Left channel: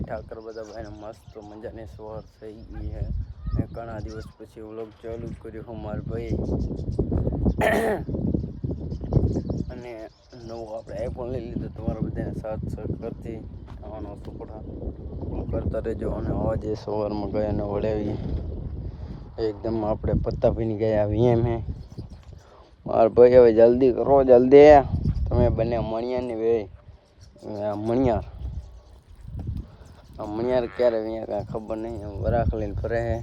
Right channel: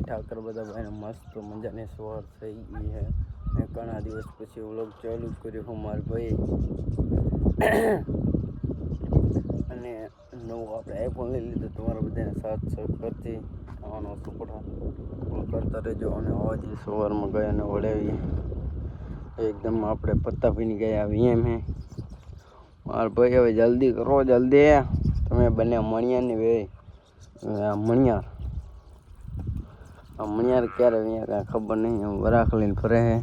ઠાકર બધા ભાઈને મસ્ત મજાની સવાર થઈ ગઈ છે ને ઘણા દિવસ પછી વ્લોગ ચાલુ કર્યો હું માર ભાઈ અને નવું આપણે આઈફોન લઈ લીધું તમારા બધાને સાથ કરતી આવવાનો સપોર્ટ કરતા રહેજો અને આવા જે સવારમાં ગયા ને વળાવીએ એકદમ આપણે પત્તાભાઈની ગયા આવીએ એમ હે મારા ભાઈ હવે જલ્દી કરો જલ્દી તમે બંને મણિયાર ની વે મણિયાર મણિયાર ક્યારે અહીંયા કાંઈ ખબર નહીં વરાખ લઈને ફરે છે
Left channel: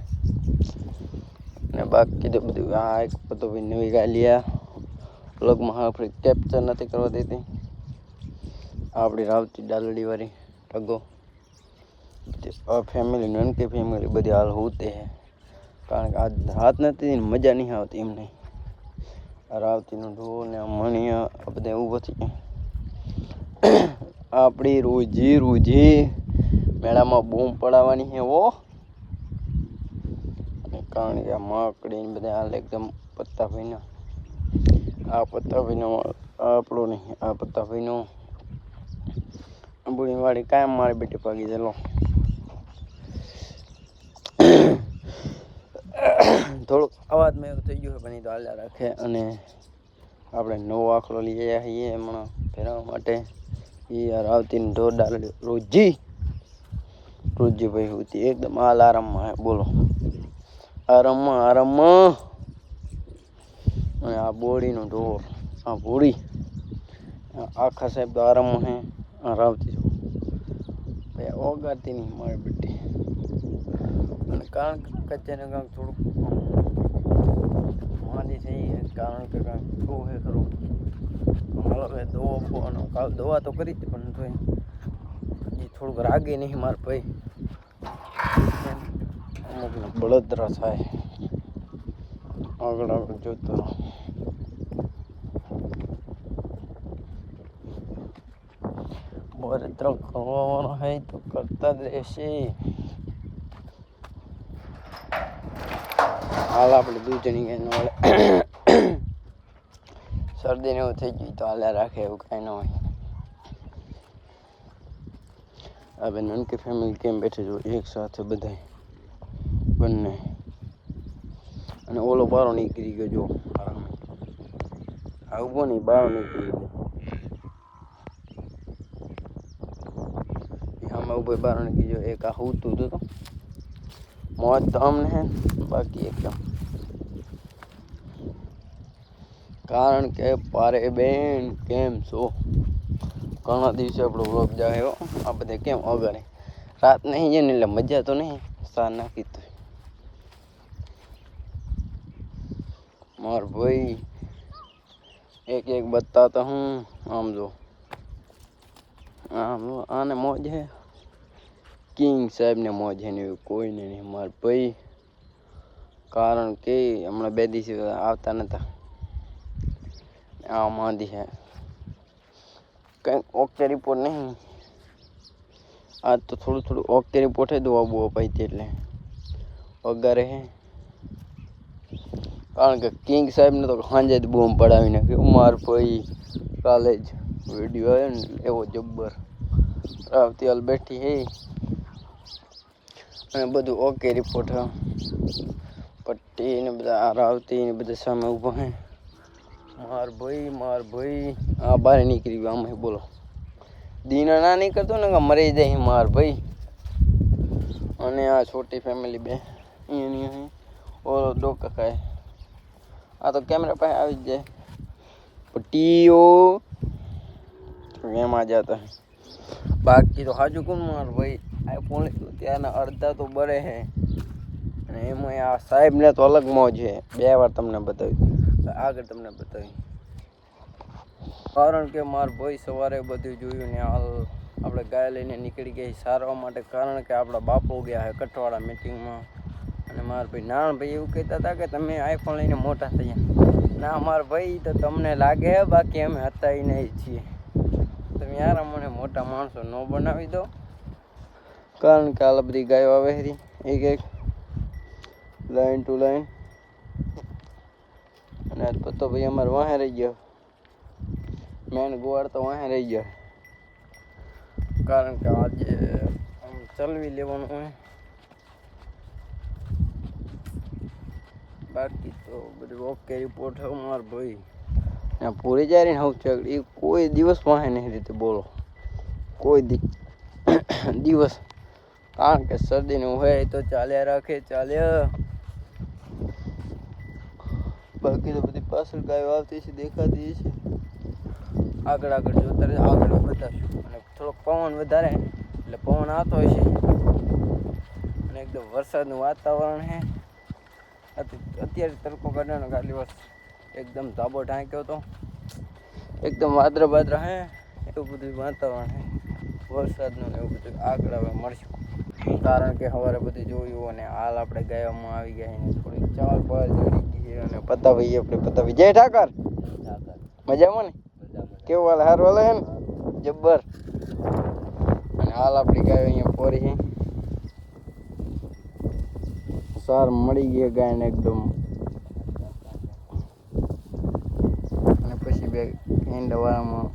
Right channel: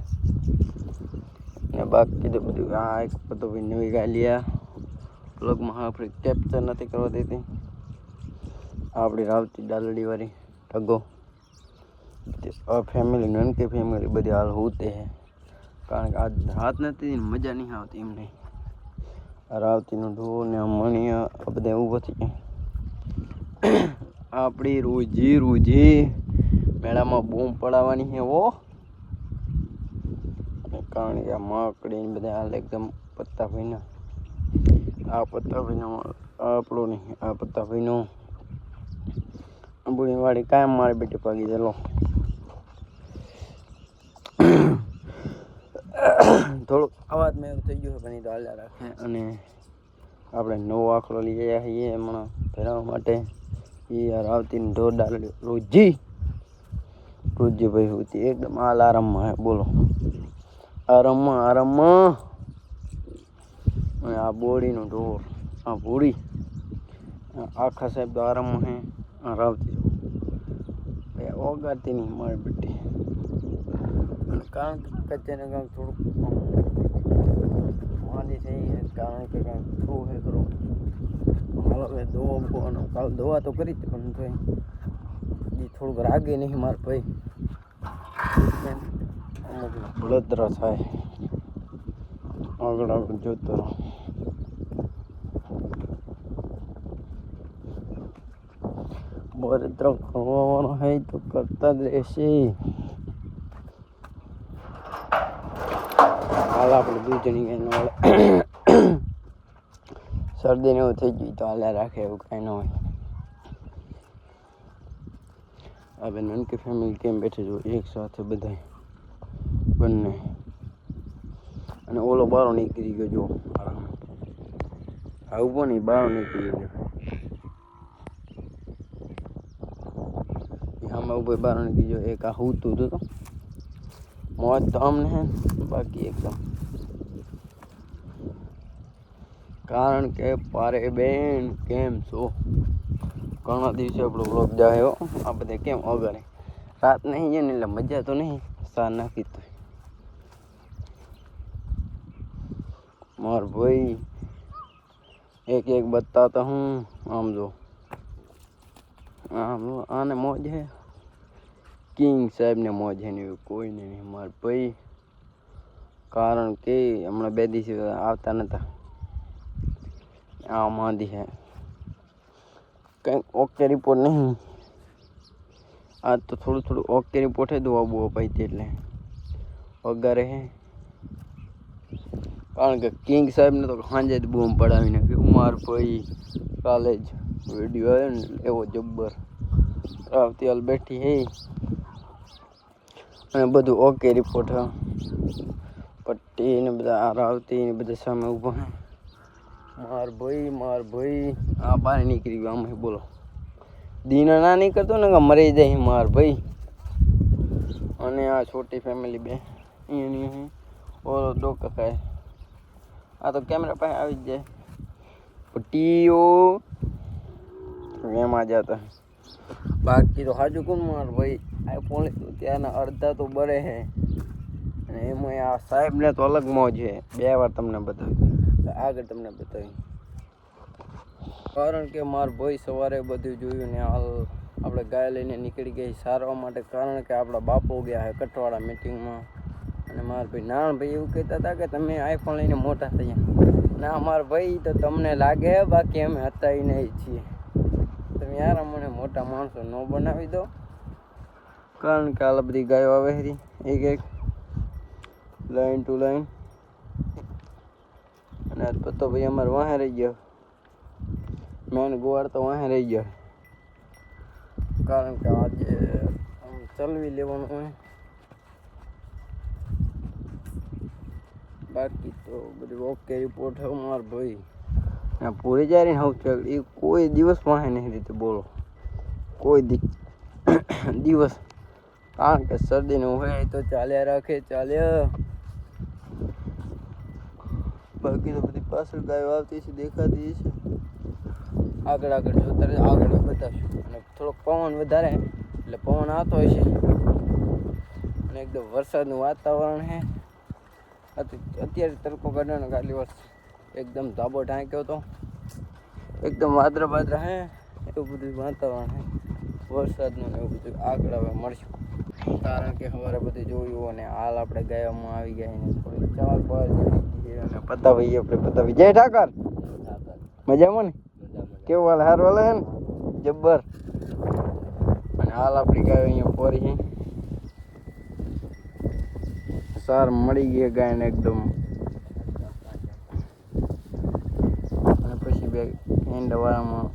ને બાકી તો બધું આ એક પત્તાભાઈ નવી ગાલિયા બ્લોગમાં આપણે કેપ્ચર નથી કરવા દેતી આપણી રાવતી ડાલડી વાળી ટગો ફેમિલી નનકી ફેમિલી બધી હાલ હોતે છે કારણ કે આજ હાથ નથી મજા નહીં આવતી એમને રાવતીનો ઢોર ને મણિયા આ બધા ઊભો થઈ આપણી રોજી મેળામાં બૂમ પડાવવાની છે ઓ કારણ કે આ માકડી બધા હાલ એકદમ પત્તાભાઈના આ પત્તાભાઈનો આપણો નહીં આ પત્તાભાઈનો બુડી વાળી કાયમ મારી બેટી પાગી ચાલો થોડુંક અવાજમાં એવું થઈ ગયું પણ એ તો હાલ્યા રાખે અને આપણે નવો આખલો લઈ આવ્યા છીએ હમણાં ફેરવવા માટે એ રાવતીની ઢોર ડાલડી રોજીભાઈ હોતી એકદમ હાલ આરામમાં હે બોલો આરામમાં અને આ બોડીનો ઢોર આ ભૂડી આખા સાહેબ તો આરામમાં હે આ રાવતી ભાઈ ઓગાતી નહીં મારી બેટી કારણ કે કચ્ચાને કાંક થોડુંક માંદી થઈ કારણ કે કાંક થવું હે ખરું હાલો હવે દવા તો કરી હતી પણ તો એ થોડુંક રાગે નહીં મારે ભાઈ અમુક બળતરા થાય આગળ જોતો રહો બળતરા ખવાનો હોય તો કરતા જ રહેશે હાલ આપણે દૂધની કઈ ન વળે શરદીને એવું થઈ ગયું તો હાલ્યા રાખે એવું કાંઈ ન હોય હવે નનકી ફેમિલી કેમ બેઠી જો એક સાથે બધા બંને અને ઓલો બારો નીકળી ગયો જો આરામ આવું નહીં બારો નીકળી ગયો આમાં ઉભો બારો નીકળી ગયો એક આ હુતું હતું તો મોજ તો અમને હે બાકી એકદમ કારણ કે પારે બેન કેમ છો ઘણા દિવસે આપણો વ્લોગ જાય આ બધે કેમ અગાડે રાત નહીં જાય ને એટલે મજા તો નહીં સાર નાખી તો માર ભાઈ એક એક બતાતા હું આમ જો આમ આને મોજ હે કિંગ સાહેબ ને મોજ હે ને કોઈને નહીં માર ભાઈ કારણ કે હમણાં 2 દિવસ આવતા નતા આ માંદી હે કંઈક ઓકે રિપોર્ટ નહીં આજ તો થોડું ઓકે રિપોર્ટ હે દવા બુआ પાઈ એટલે વગારે હે કારણ કે કિંગ સાહેબને તો સાંજે જ બૂમ પડાવી નાખ્યું માર ભાઈ કાલે જ વિડીયો આવ્યો ને એવો જબ્બર રાવતી હાલ બેઠી હે અને બધું ઓકે રિપોર્ટ હે પટ્ટી ને બધા રાવતી ને બધા સામે ઊભા હે માર ભાઈ આ બહાર નીકળી ગયો આમાં બોલો દીના ના નીકળતો ને મરી જાય માર ભાઈ અને આ છોટી ફેમિલી બે અહીંયા ઓલો ડોકા ખાય આ તો કેમેરા પાસે આવી જ જાય પટ્ટીઓ એમાં જતા બાકી તો હાજુ કોણ માર ભાઈ આઈફોન લીધું ત્યાંના અડધા તો બળે હે અને એમાં આ સાહેબને તો અલગ મોજ છે 2 વાર તમને બતાવ્યું આગળ તમને બતાવી કારણ કે માર ભાઈ સવારે બધું જોયું ને હાલ આપણે ગાય લઈને નીકળી ગઈ સારવા માટે કારણ કે આપણા બાપો ગયા છે કઠવાડા મીટિંગમાં અને મારા ભાઈ નાનભાઈ એવું કહેતા હતા કે તમે આઈફોન લઈને મોટા થયા ના મારા ભાઈ તો તમને લાગે બાકી અમે હતા નહીં છીએ તમે યાર અમને મોટા માણસો ન બનાવી દો કારણ કે આ બધી ગાયો આવે છે એક લાઈન ટુ લાઈન અને આજ પતો ભાઈ અમારે વાહે રહી ગયો મેન ગોવાડ તો વાહે રહી ગયો કારણ કે આજે ચલવી લેવાનું હોય. બાકી તો બધું ઓકે રિપોર્ટ હવે મારા ભાઈ પૂરી જાય ને હું એ કોઈ દિવસ વાહે નહીં રીતે બોલો કોઈ દિવસ, કારણ કે શરદીનું હોય તો ચાલ્યા રાખે ચાલ્યા. બાકી તો બધી પાછળ ગાયો આવતી છે દેખાતી છે. આગળ જોતા રહે, આગળ બતાવશું. અને થોડોક પવન વધારે એટલે પવન આવતો હોય છે અને એકદમ વરસાદનું વાતાવરણ છે. અત્યારે તડકો કાઢવાનો કાલી વર્ષ એકદમ ધાબો ઢાંક્યો હતો, એકદમ વાદળા હે એવું બધું વાતાવરણ હે વરસાદનું ને એવું બધું. આગળ હવે મળશું, કારણ કે સવારે બધું જોયું અને હાલ આપણે ગાયોમાં આવી ગયા ને થોડીક ચાર બાર ચડી ગઈ અને પતાવી જય ઠાકર મજામાં ને? કેવું હાલ? સારું હાલે છે ને? જબ્બર. અને હાલ આપણી ગાયો અહીંયા પોરી છે. સાર મળી ગઈ ગાયને એકદમ. અને પછી બે ઈંડા વાળામાં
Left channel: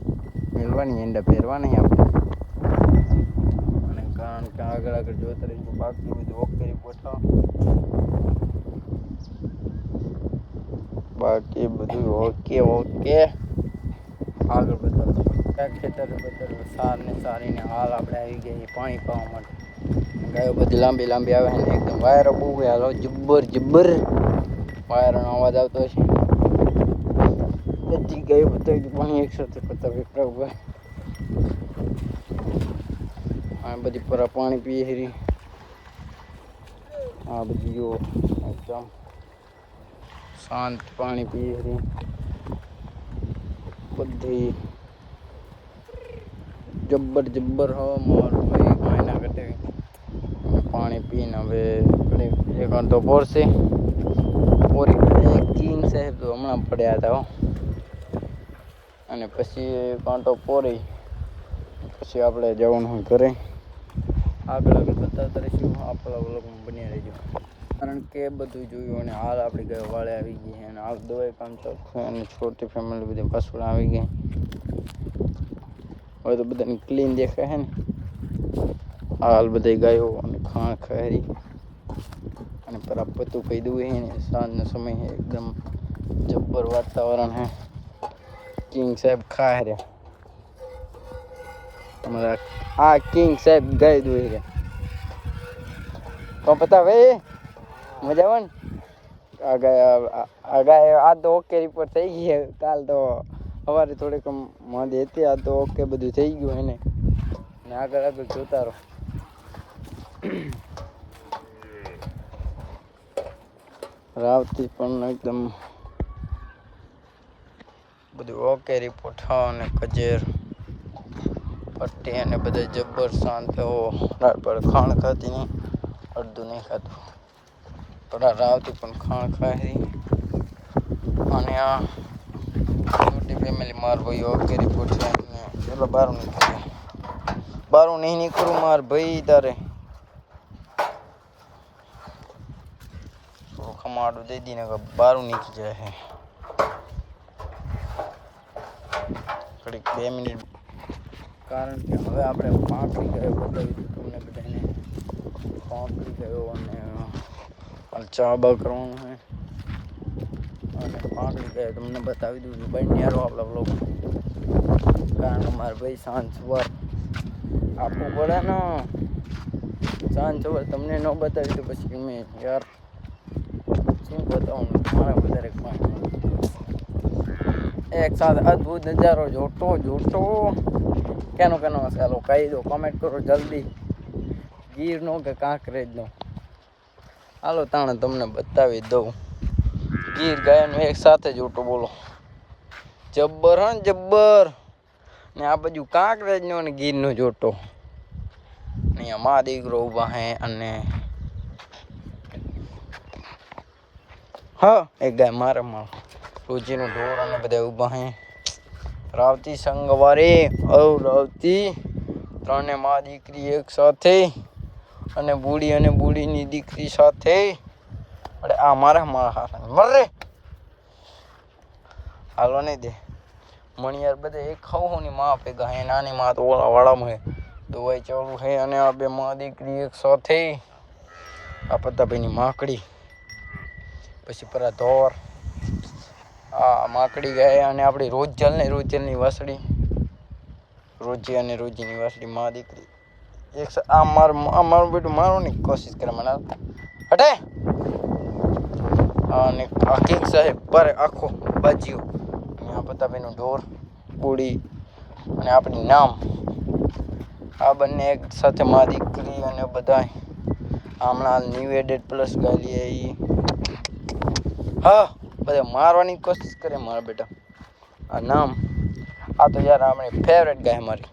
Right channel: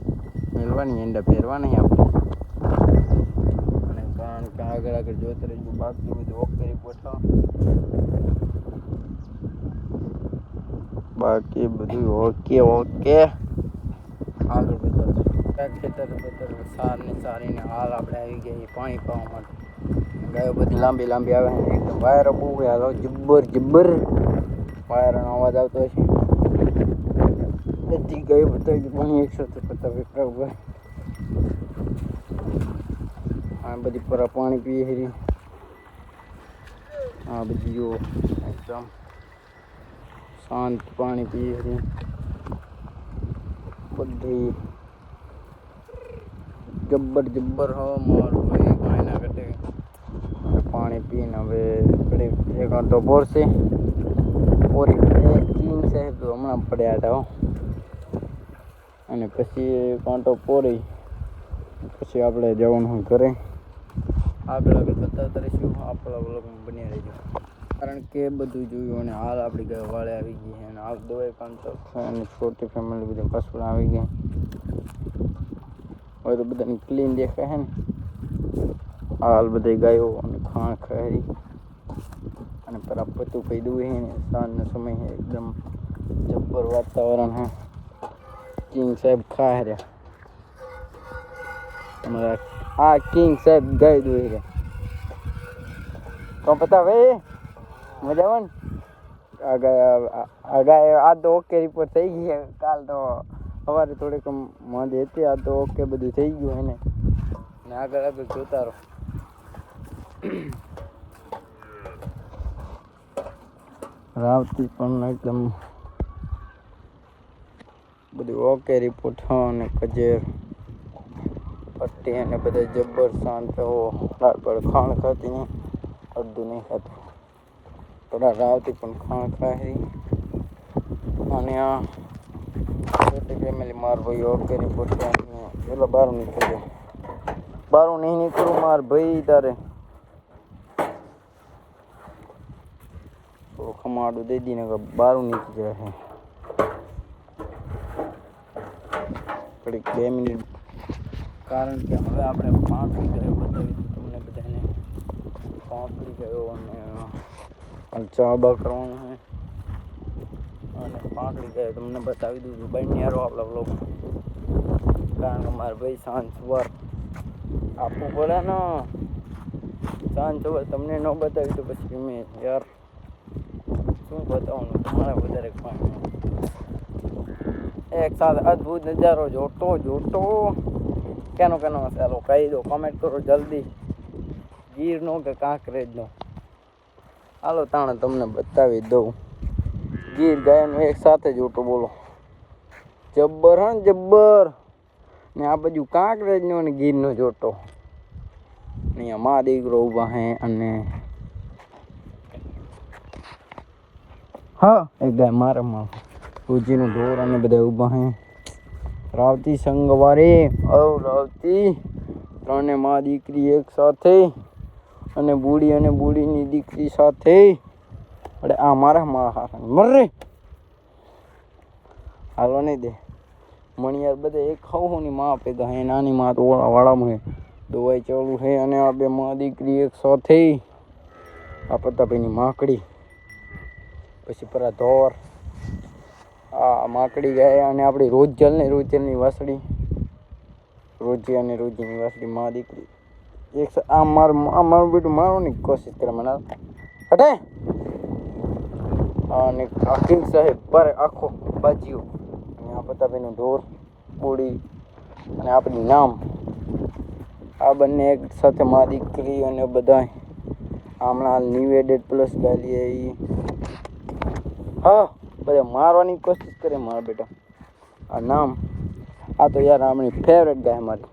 મેળવાની, ઈંડા પહેરવાની આપણે. અને કારણ કે આગળ જોતા રહીશું. બાકી બધું ઓકે રિપોર્ટ, બાકી બધું ઓકે આગળ બતાવશું. ખેતર સાર ને સારીને હાલ આપણે આવી ગયા પાણી પાવા માટે. ગાયો બધી લાંબી આવે છે એકદમ. વાયરો બહુ હાલો જબ્બર વાયરનો અવાજ આવતો છે. બધી ગાયો બતાવી પાણી એકસાથે બતાવી પ્રભુ. આ બધી પરા પાણી પીએ છે. આ બધી જો એકદમ શાંત પાણી પીએ છે બધી. જબ્બર હવા મારું ભાઈ કાંઈ ના ઘટે. પાણી પીને હવે એક તો બોરશે કિંગ સાહેબ તો હમણાં પડ્યા હતા અને પછી કાંટો પોરી પછી આપણે જવાનું ઘરે. આગળ બતાવતા રહીશું. આપણા વ્લોગમાં બન્યા રહેજો, કારણ કે બધું જોયું અને હાલ આપણી ગાય વાળે આવી ગઈ અને હાલ દવાઈ કામ ચાલુ અને છોટી ફેમિલી બધી પાછળ આવી ગઈ. હવે તો બધાને ક્લીન દેખાય છે ને. હાલ બધી ગાયો અને ખાણ ખારી અને પરા પતું કહી દઉં છે ને. સાંજનો સમય છે, એકદમ જબ્બર વાતાવરણ છે. કિંગ સાહેબ ખા રહ્યા તમારા. આ કિંગ સાહેબ ગાય દોઈ રહ્યા તો પતા ભાઈ મજામાં ને? આ ગાય આ તો ઓકે રિપોર્ટ થઈ ગઈ છે. કાલ તો સવારે થોડીક માંદી હતી, આ તો ઓકે બધું થઈ ગયું એને. ને આગળ જોતા રહો. રાવતી પણ એકદમ બધું ઓકે રિપોર્ટ. હા, અને કજેર પટ્ટી અને બધા જબ્બર શાંત. રાત પર ખાણ ખાતી નહીં, અડધું નહીં ખાતું. થોડા રાવતી પણ ખાણ ખાય. અને આ છોટી ફેમિલી માર ભાઈ ઓકે રિપોર્ટ છે. પેલો બહાર નીકળ્યો, બહાર નહીં નીકળું માર ભાઈ તારે. થોડું ખમાડું દઈ દઈને બહાર નીકળી જાય છે. ઘડીક 2 મિનિટ, કારણ કે હવે આપણે પાંપડી ગયો બતાવી તમને બધાને. પાંપડી ગયો અને ચા બા કરવાનું છે અને પાંપડી ગયો તમને બતાવી દઉં. બની યારો આપણા વ્લોગ, કારણ કે મારે ભાઈ સાંજ સવાર આપવું પડે ને. સાંજ સવાર તમને ન બતાવી તો પછી મેં યાર શું બતાવું. મારા વધારે કાંઈ એક સાથે અદ્ભુત નજારો જોતો કેનો ચાલો કહી દો, કમેન્ટ કરો જલ્દી. ગીરનો કે કાંકરેજનો? હાલો તાણે તમને બતાવી દઉં. ગીર ગાયનું એક સાથે જોટો બોલો જબ્બર હા જબ્બર. ને આ બાજુ કાંકરેજનો અને ગીરનો જોટો. અહીંયા મા દીકરો ઊભા હે અને હા એક ગાય મારે રોજીનું ઢોર અને બધા ઊભા હે. રાવતી સંગવારી રાવતી ત્રણે મા દીકરી એક સાથે અને બુડીની દીકરી સાથે. અરે આ મારા હારા મરે હાલો નહીં દે મણિયાર બધે એક ખાવું ની માં ભેગા હે. નાની માં તો ઓલા વાળામાં હે, દવાઈ ચાલુ છે અને આ બે માં દીકરી એક સાથે આ પતાભાઈની માકડી પછી પરા ધોર આ માકડી ગાય અને આપણી રોજલની વાસળી રોજી અને રોજીની વાસળી માં દીકરી એક આ મારું બેટું મારવાની કોશિશ કરે મને હટે અને આ કિંગ સાહેબ પર આખો બાજ્યો અને આ પતાભાઈનું ઢોર બુડી અને આપણી નામ આ બંને એક સાથે માં દીકરી અને બધા હમણાં ન્યૂ એડેડ પ્લસ ગાલીએ એ હા બધા મારવાની કોશિશ કરે મારા બેટા આ નામ આ તો યાર આપણી ફેવરેટ ગાય મારી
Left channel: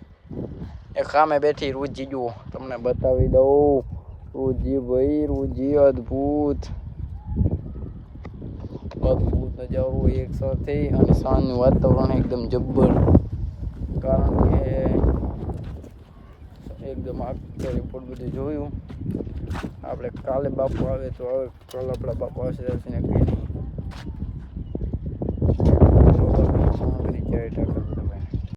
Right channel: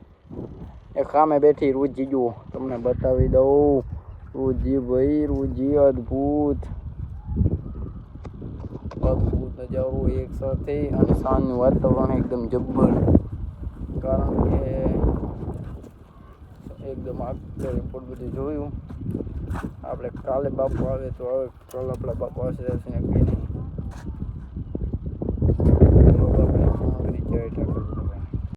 એક સામે બેઠી રૂજી જુઓ તમને બતાવી દઉં રૂજી ભાઈ રૂજી અદ્ભુત નજારો એક સાથે અને સાંજનું વાતાવરણ એકદમ જબ્બર કારણ કે એકદમ આખે રિપોર્ટ બધું જોયું આપણે કાલે બાપુ આવે તો હવે કાલે આપણા બાપુ આવશે કહીને